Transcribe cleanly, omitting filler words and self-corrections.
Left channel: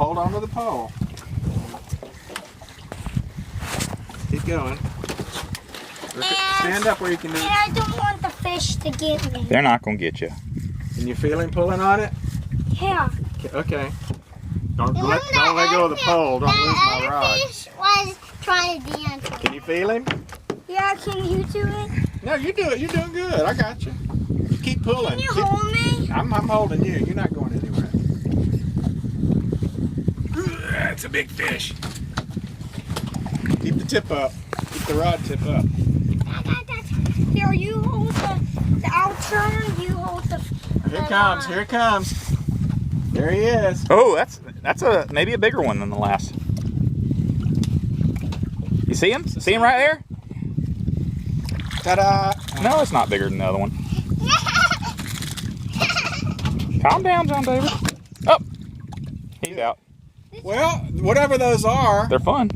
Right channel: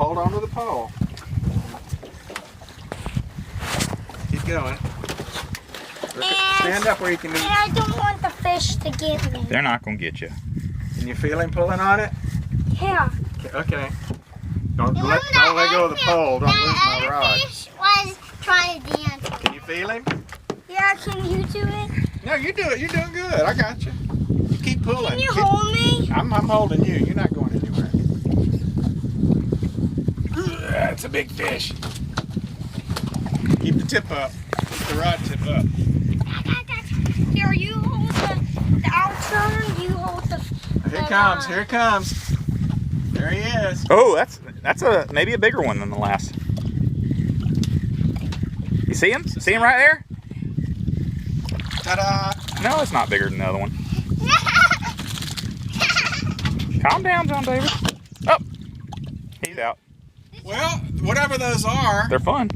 hold on to the pole. Keep going. Stand up where you can do it. And I don't want the fish to get me. They're not going to get you. Can you feel him pulling on it? Yeah. Okay. Don't let go of the pole. Don't lose my rod. The fish was trying to dance. Can you feel him? Yeah, can you do it? No, you do it. You're doing good. I got you. Keep pulling. Can you hold me? I'm holding you. You're not going anywhere. It's a big fish. Keep the tip up. Keep the rod tip up. Here, you hold the outside, you hold the... Here it comes. Here it comes. There he is. Oh, that's maybe a bigger one than the last. You see him? See him right there? Ta-da! No, it's not bigger than the other one. Calm down, John David. Oh, he's out. Well, whatever those are, They're fun.